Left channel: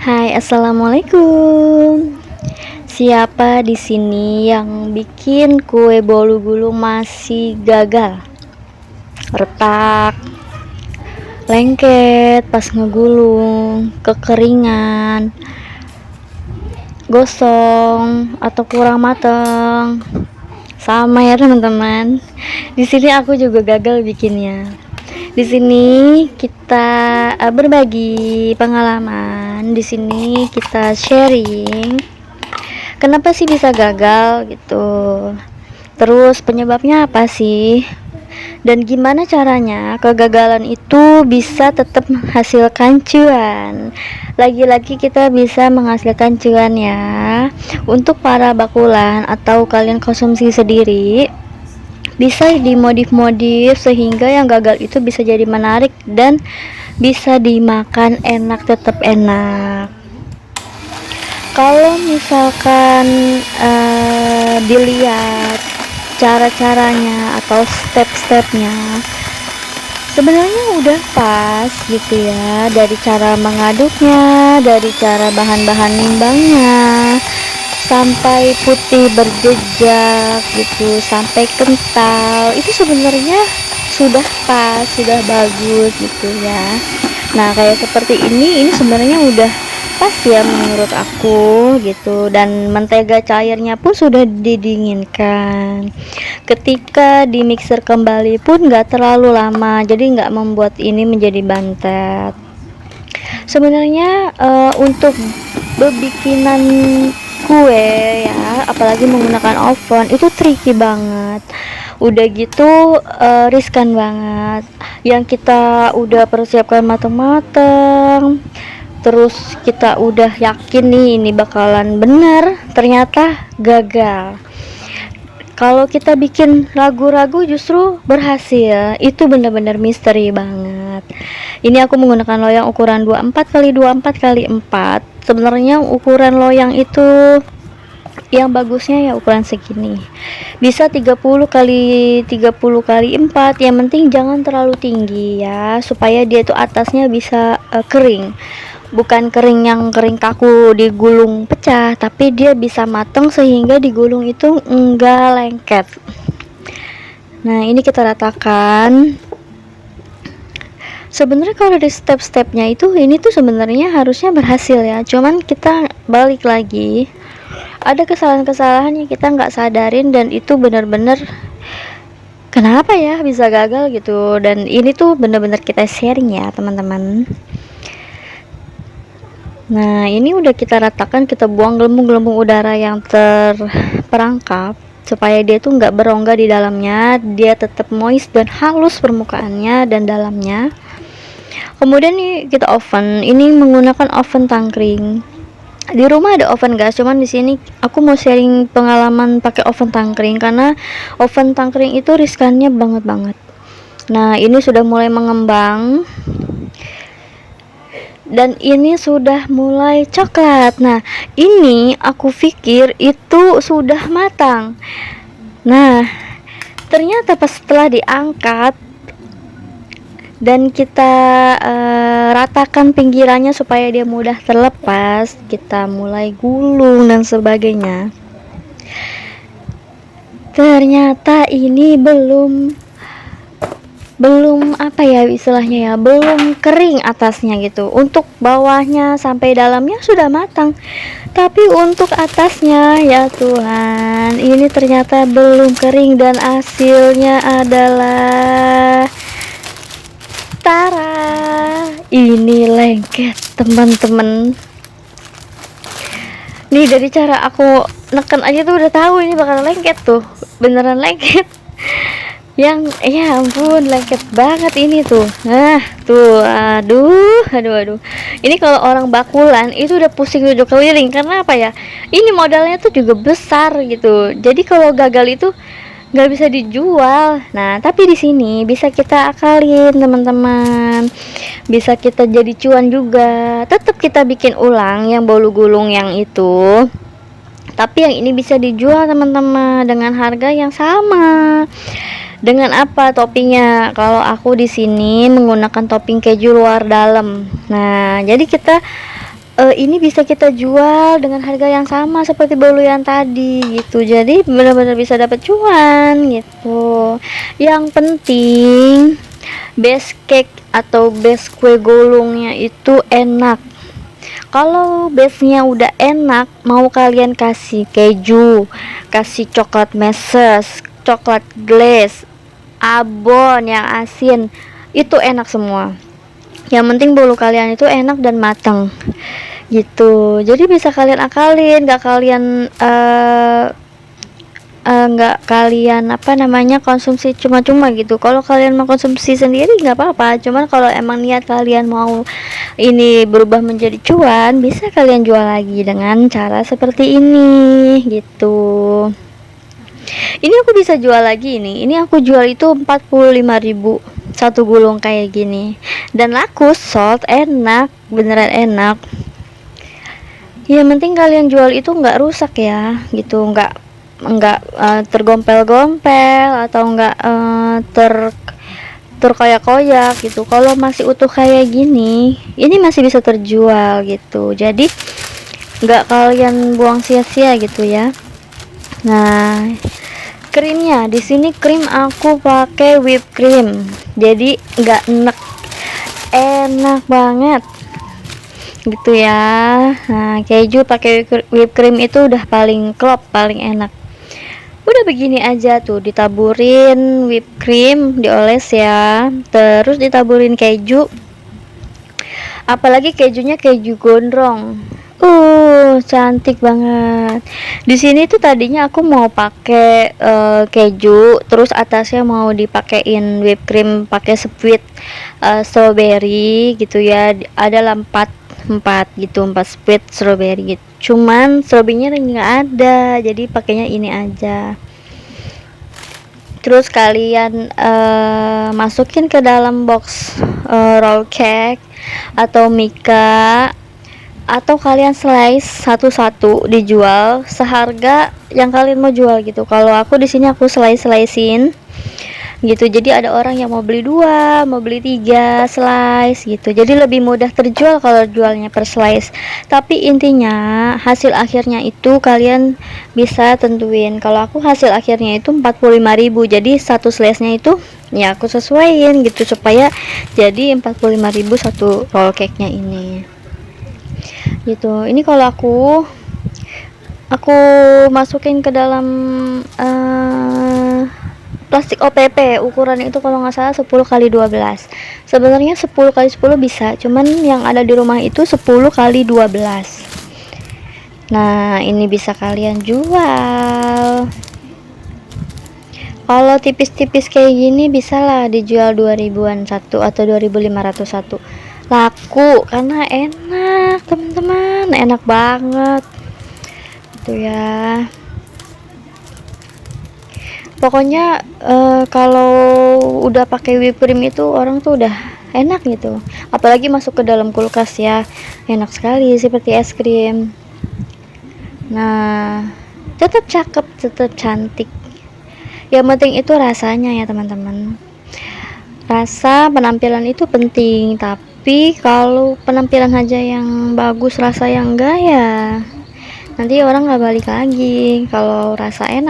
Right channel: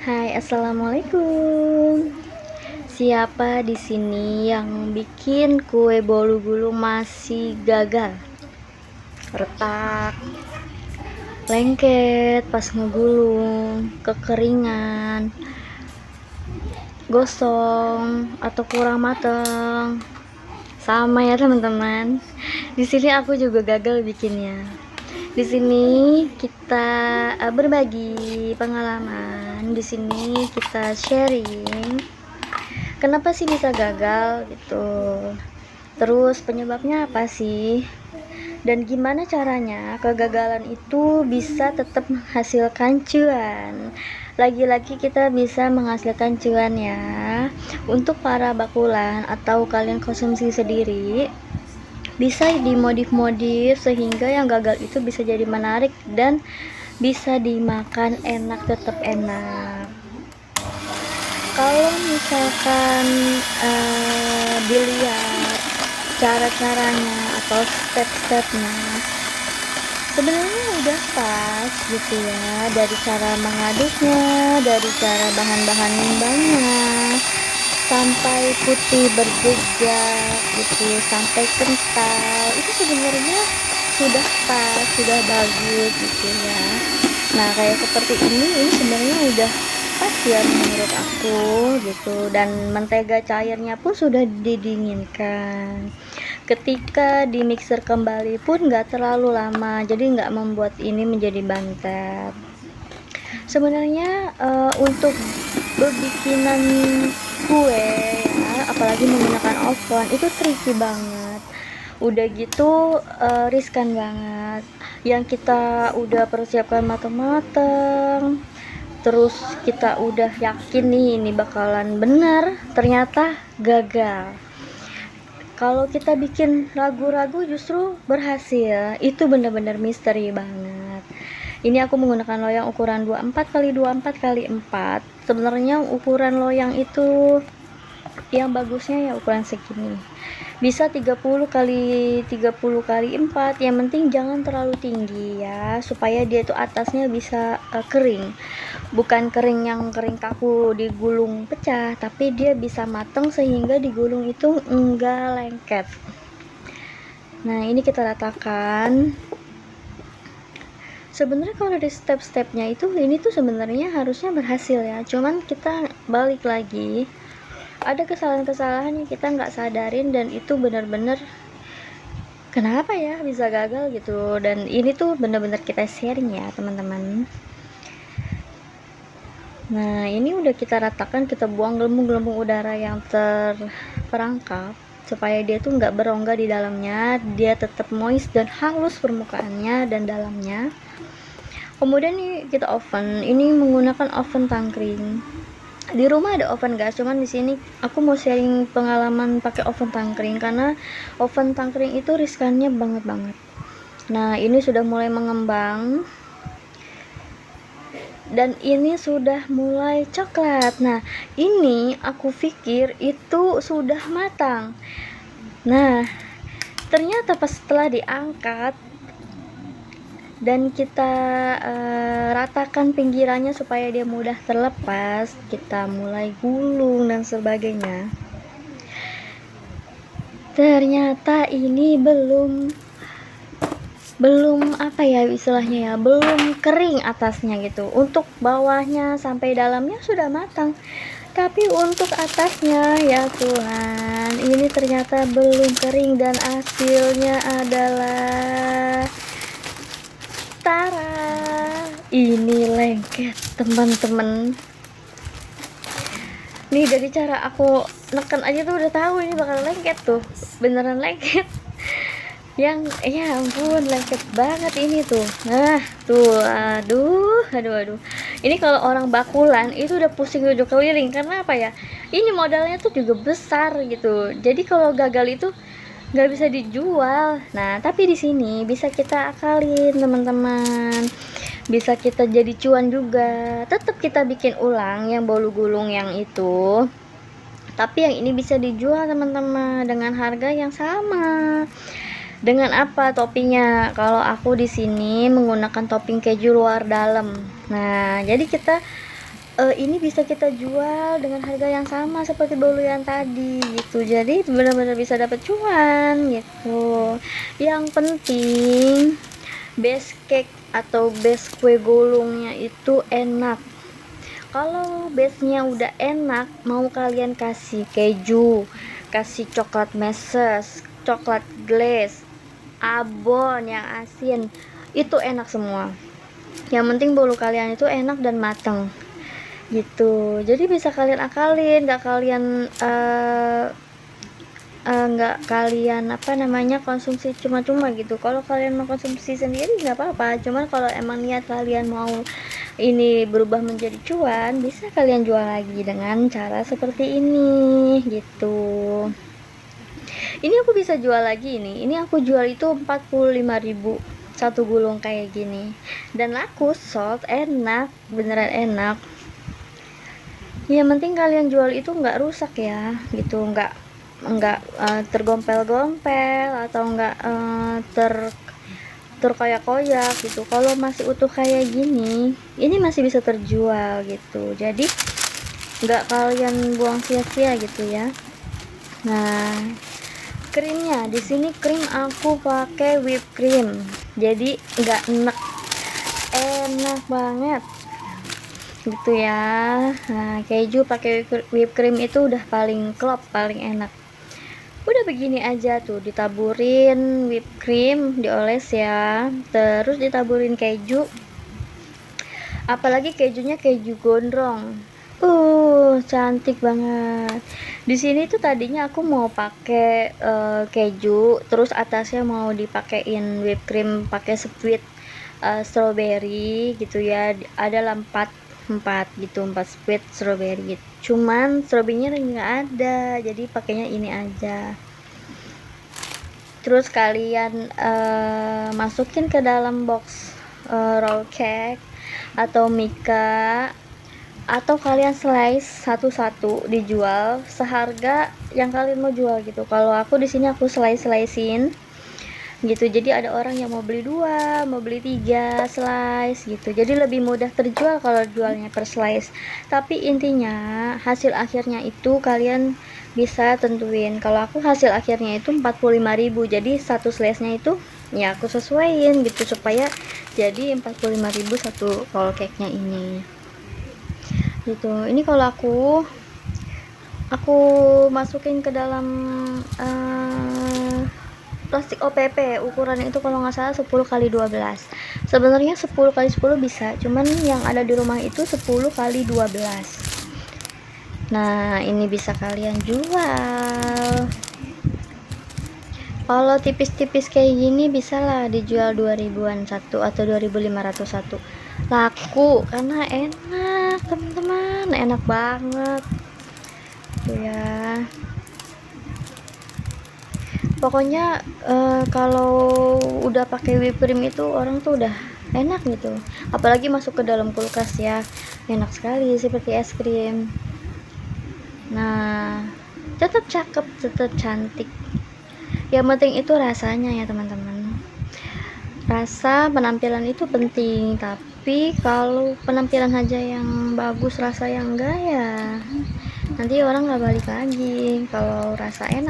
Hai, assalamualaikum. Siapa di sini yang bikin kue bolu gulung masih gagal? Retak, lengket pas ngegulung, kekeringan, gosong atau kurang matang. Sama ya teman-teman. Di sini aku juga gagal bikinnya. Di sini kita berbagi pengalaman. Di sini kita sharing. Kenapa sih bisa gagal gitu? Terus penyebabnya apa sih? Dan gimana caranya kegagalan itu bisa tetap menghasilkan cuan? Lagi-lagi kita bisa menghasilkan cuan ya. Untuk para bakulan atau kalian konsumsi sendiri, bisa dimodif-modif sehingga yang gagal itu bisa jadi menarik dan bisa dimakan enak, tetap enak. Kalau misalkan dilihat cara-caranya atau step-stepnya, sebenarnya udah pas gitu ya, dari cara mengaduknya, dari cara bahan-bahan nimbangnya, sampai putih berjejak gitu, sampai kental, itu sebenarnya sudah pas, sudah bagus gitu ya. Nah, kayak seperti ini sebenarnya udah pas ya menurut aku gitu, dan mentega cairnya pun sudah didinginkan. Ketika di mixer kembali pun nggak terlalu lama, jadi nggak membuat ini menjadi bantet. Sebenarnya untuk bebikinan kue ya, apalagi menggunakan oven, itu tricky banget. Udah gitu riskan banget. Yang kita udah persiapkan matang-matang, terus kita udah yakin nih ini bakalan bener, ternyata gagal. Kalau kita bikin ragu-ragu justru berhasil, itu bener-bener misteri banget. Ini aku menggunakan loyang ukuran 24 kali 24 kali 4. Sebenarnya ukuran loyang itu yang bagusnya ya ukuran segini, bisa 30 kali 30 kali 4. Yang penting jangan terlalu tinggi ya, supaya dia itu atasnya bisa kering. Bukan kering yang kering kaku digulung pecah, tapi dia bisa mateng sehingga digulung itu enggak lengket. Nah, ini kita ratakan. Sebenarnya kalau di step-stepnya itu, ini tuh sebenarnya harusnya berhasil ya, cuman kita balik lagi, ada kesalahan-kesalahan yang kita nggak sadarin, dan itu benar-benar kenapa ya bisa gagal gitu. Dan ini tuh benar-benar kita sharing ya teman-teman. Nah, ini udah kita ratakan, kita buang gelembung-gelembung udara yang terperangkap supaya dia tuh nggak berongga di dalamnya, dia tetap moist dan halus permukaannya dan dalamnya. Kemudian nih kita oven. Ini menggunakan oven tangkring. Di rumah ada oven gas, cuman di sini aku mau sharing pengalaman pakai oven tangkring karena oven tangkring itu riskannya banget. Nah, ini sudah mulai mengembang dan ini sudah mulai coklat. Nah, ini aku pikir itu sudah matang. Nah, ternyata pas setelah diangkat dan kita ratakan pinggirannya supaya dia mudah terlepas, kita mulai gulung dan sebagainya. Ternyata ini belum apa ya istilahnya ya, belum kering atasnya gitu. Untuk bawahnya sampai dalamnya sudah matang, tapi untuk atasnya ya Tuhan, ini ternyata belum kering dan hasilnya adalah tara, ini lengket teman-teman. Nih dari cara aku neken aja tuh udah tahu ini bakal lengket tuh, beneran lengket. Yang ya ampun, lengket banget ini tuh. Nah tuh, aduh, ini kalau orang bakulan itu udah pusing udah keliling. Karena apa ya, ini modalnya tuh juga besar gitu, jadi kalau gagal itu nggak bisa dijual. Nah, tapi di sini bisa kita akalin teman-teman, bisa kita jadi cuan juga. Tetap kita bikin ulang yang bolu gulung yang itu, tapi yang ini bisa dijual teman-teman dengan harga yang sama. Dengan apa toppingnya? Kalau aku di sini menggunakan topping keju luar dalam. Nah, jadi kita ini bisa kita jual dengan harga yang sama seperti bolu yang tadi gitu, jadi benar-benar bisa dapat cuan gitu. Yang penting base cake atau base kue gulungnya itu enak. Kalau base-nya udah enak, mau kalian kasih keju, kasih coklat meses, coklat glaze, abon yang asin, itu enak semua. Yang penting bolu kalian itu enak dan matang gitu. Jadi bisa kalian akalin, nggak kalian apa namanya konsumsi cuma-cuma gitu. Kalau kalian mau konsumsi sendiri nggak apa-apa, cuman kalau emang niat kalian mau ini berubah menjadi cuan, bisa kalian jual lagi dengan cara seperti ini gitu. Ini aku bisa jual lagi ini aku jual itu 45.000 satu gulung kayak gini, dan laku, sold, enak, beneran enak. Yang penting kalian jual itu nggak rusak ya gitu, nggak tergompel-gompel atau nggak terkoyak-koyak gitu. Kalau masih utuh kayak gini, ini masih bisa terjual gitu, jadi nggak kalian buang sia-sia gitu ya. Nah, krimnya di sini krim aku pakai whipped cream, jadi nggak enek, enak banget gitu ya. Nah, keju pakai whipped cream itu udah paling klop, paling enak. Udah begini aja tuh, ditaburin whipped cream, dioles ya, terus ditaburin keju, apalagi kejunya keju gondrong. Cantik banget. Di sini tuh tadinya aku mau pakai keju, terus atasnya mau dipakein whipped cream pakai sweet strawberry gitu ya. Ada 4 gitu, 4 sweet strawberry gitu. Cuman strawberrynya nggak ada, jadi pakainya ini aja. Terus kalian masukin ke dalam box roll cake atau mika, atau kalian slice satu-satu dijual seharga yang kalian mau jual gitu. Kalau aku di sini aku slicein gitu, jadi ada orang yang mau beli 2, mau beli 3 slice gitu, jadi lebih mudah terjual kalau jualnya per slice. Tapi intinya hasil akhirnya itu kalian bisa tentuin. Kalau aku hasil akhirnya itu 45.000, jadi satu slice nya itu ya aku sesuaiin gitu supaya jadi 45.000 satu roll cake nya ini gitu. Ini kalau aku masukin ke dalam plastik OPP, ukurannya itu kalau nggak salah 10x12. Sebenarnya 10x10 bisa, cuman yang ada di rumah itu 10x12. Nah, ini bisa kalian jual. Kalau tipis-tipis kayak gini bisa lah dijual 2000-an satu atau 2500 satu. Laku karena enak teman-teman, enak banget tuh ya. Pokoknya kalau udah pakai whipped cream itu orang tuh udah enak gitu, apalagi masuk ke dalam kulkas ya, enak sekali seperti es krim. Nah, tetap cakep, tetap cantik, yang penting itu rasanya ya teman-teman. Rasa penampilan itu penting, tapi kalau penampilan aja yang bagus rasa yang enggak ya nanti orang nggak balik lagi. Kalau rasa enak